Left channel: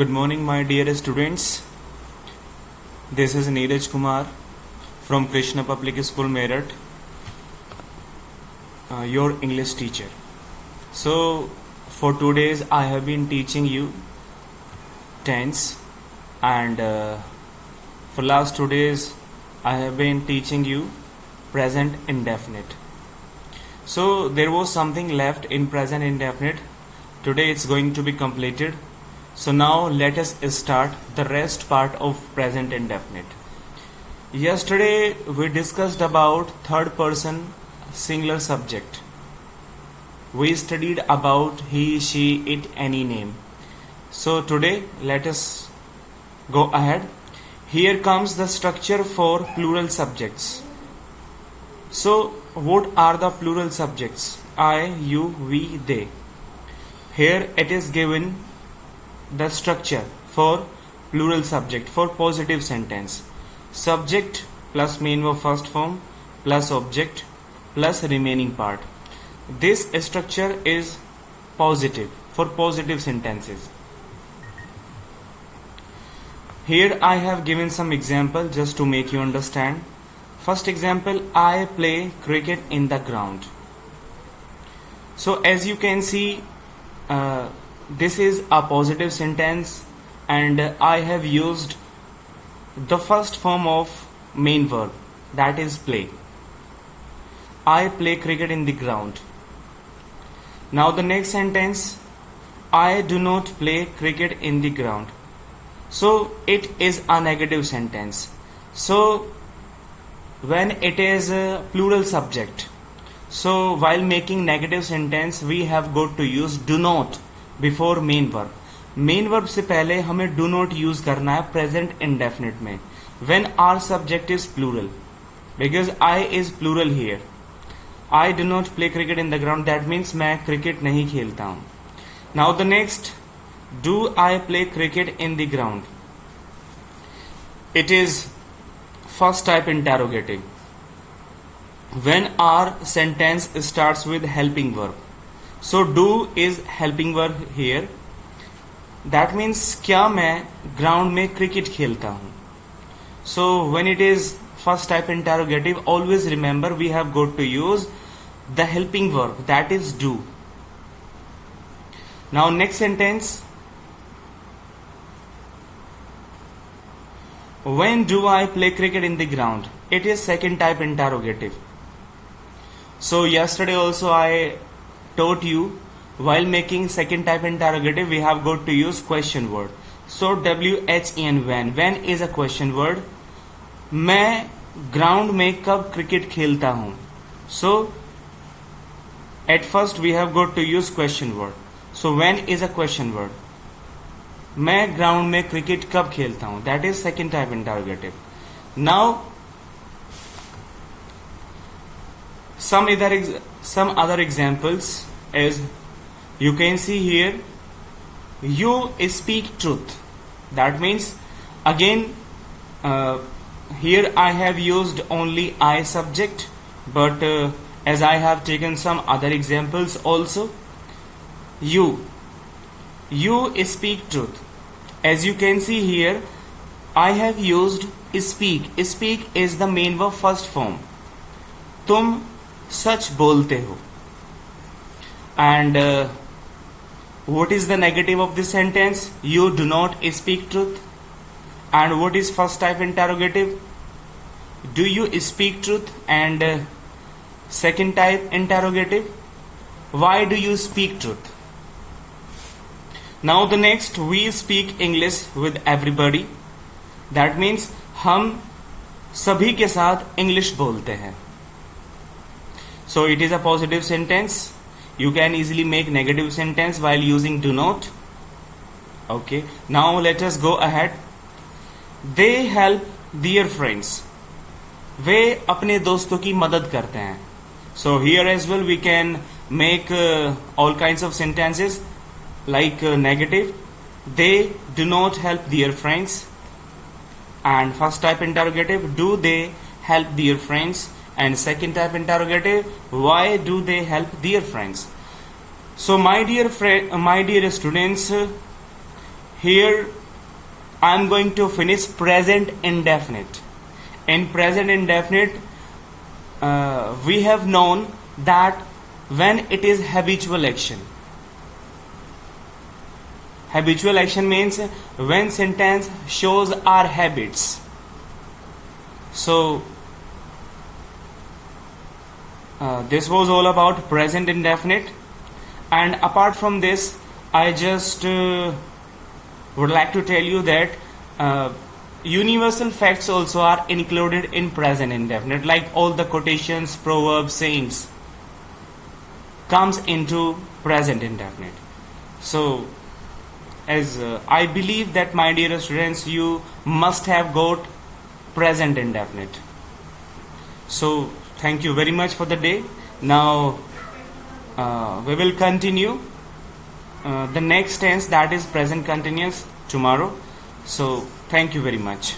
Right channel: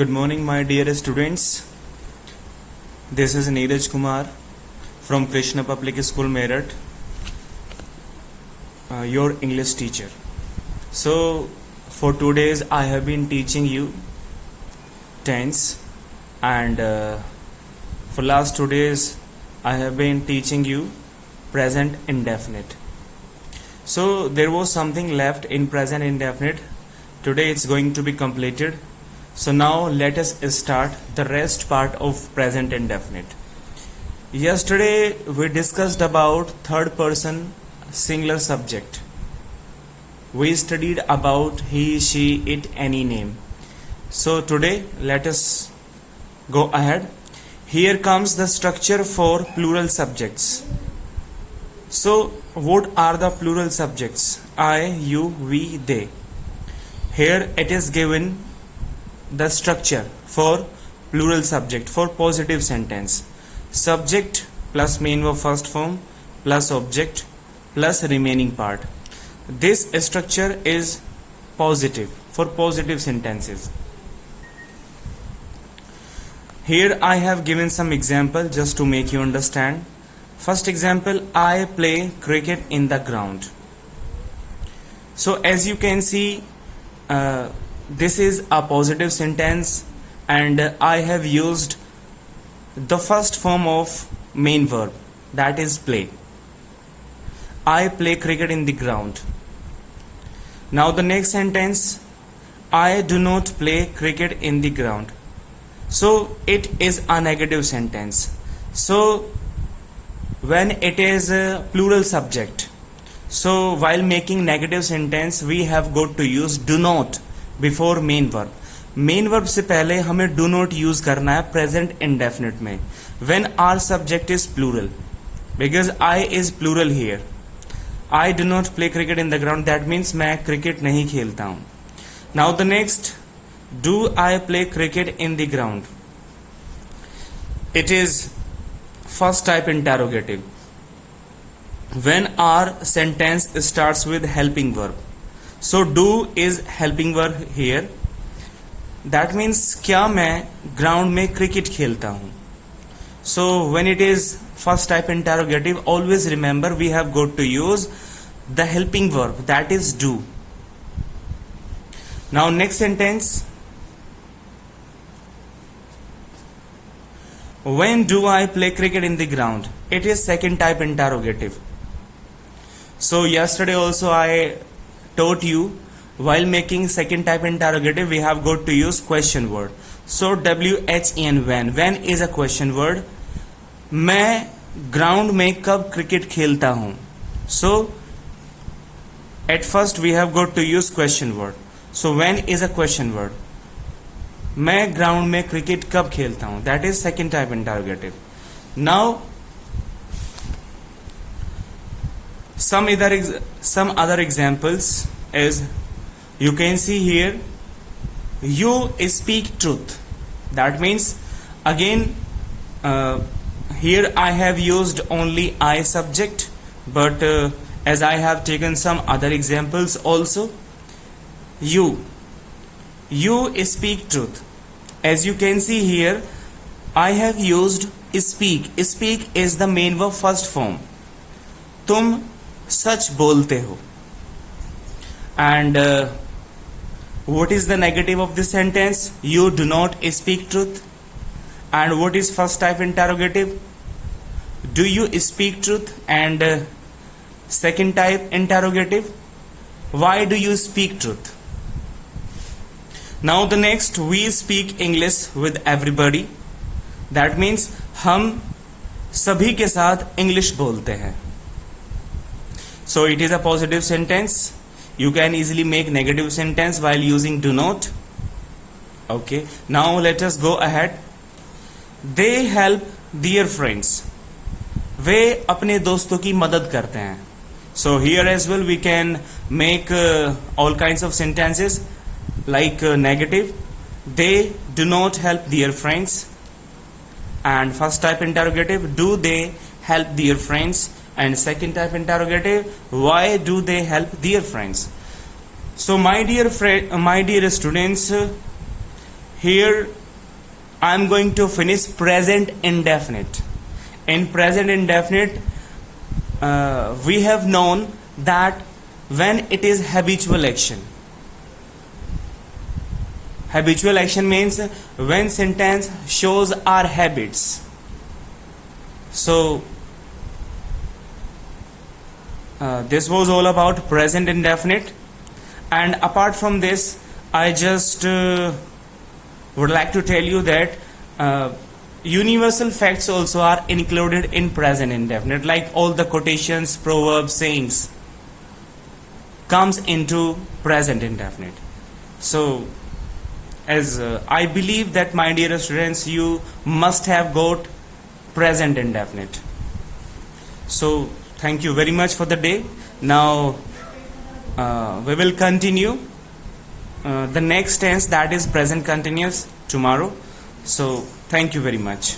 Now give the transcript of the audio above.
Good morning, my dear students. This is Neeraj Kumar from Krishna Public School, Meerut, your English teacher. So, for 2 days, I have been teaching you tense, and for last 2 days, I have been teaching you present indefinite. So, there was something left in present indefinite. Today, it's going to be completed. So now let us start the rest part of present indefinite. Yesterday we discussed about third person singular subject. We studied about he, she, it, any name. So today let us go ahead. Here comes the structure for plural subjects. So what are the plural subjects? I, you, we, they. Here it is given the structure for plural subject for positive sentence. Subject plus main verb first form plus object plus remaining part. This structure is positive for positive sentences. Here I have given some example just to make you understand. First example, I play cricket in the ground. So as you can see, this is a positive sentence and I have used the first form of main verb, that is play. I play cricket in the ground. Now the next sentence, I do not play cricket in the ground. So it is a negative sentence. So when it is a plural subject, so while making negative sentence we have got to use do not before main verb. Main verb से पहले हमें do not use करना है present indefinite में when our subject is plural, because I is plural here. I do not play cricket in the ground, that means मैं cricket नहीं खेलता हूं. Now the next, do I play cricket in the ground. It is first type interrogative when our sentence starts with helping verb. So do is helping verb here. That means क्या मैं ground में cricket खेलता हूं. So when it is first type interrogative, always remember we have got to use the helping verb, that is do. Now next sentence, when do I play cricket in the ground? It is second type interrogative. So yesterday also I taught you while making second type interrogative we have got to use question word. So when, when is a question word. मैं ground में कब cricket खेलता हूं. So at first we have got to use question word. So when is a question word. मैं ground में cricket कब खेलता हूं, that is second type interrogative. Now some other examples is you can see here, you speak truth. That means again here I have used only I subject, but as I have taken some other examples also. You speak truth. As you can see here, I have used speak. Speak is the main verb first form. तुम सच बोलते हो. And what is the negative of this sentence? You do not speak truth. And what is first type interrogative? Do you speak truth? And second type interrogative, why do you speak truth? Now the next, we speak English with everybody. That means हम सभी के साथ English बोलते हैं. So it is a positive sentence. You can easily make negative sentence while using do not. Okay, now let us go ahead. They help their friends. वे अपने दोस्तों की मदद करते हैं. So here as well we can make all kinds of sentences like negative. They do not help their friends. And first type interrogative, do they help their friends? And second type interrogative, why do they help their friends? So my dear students, here I'm going to finish present indefinite. In present indefinite, we have known that when it is habitual action. Habitual action means when sentence shows our habits. So this was all about present indefinite, and apart from this I just would like to tell you that universal facts also are included in present indefinite, like all the quotations, proverbs, sayings comes into present indefinite. So as I believe that, my dear students, you must have got present indefinite. So thank you very much for the day. Now we will continue the next tense, that is present continuous, tomorrow. So thank you very much.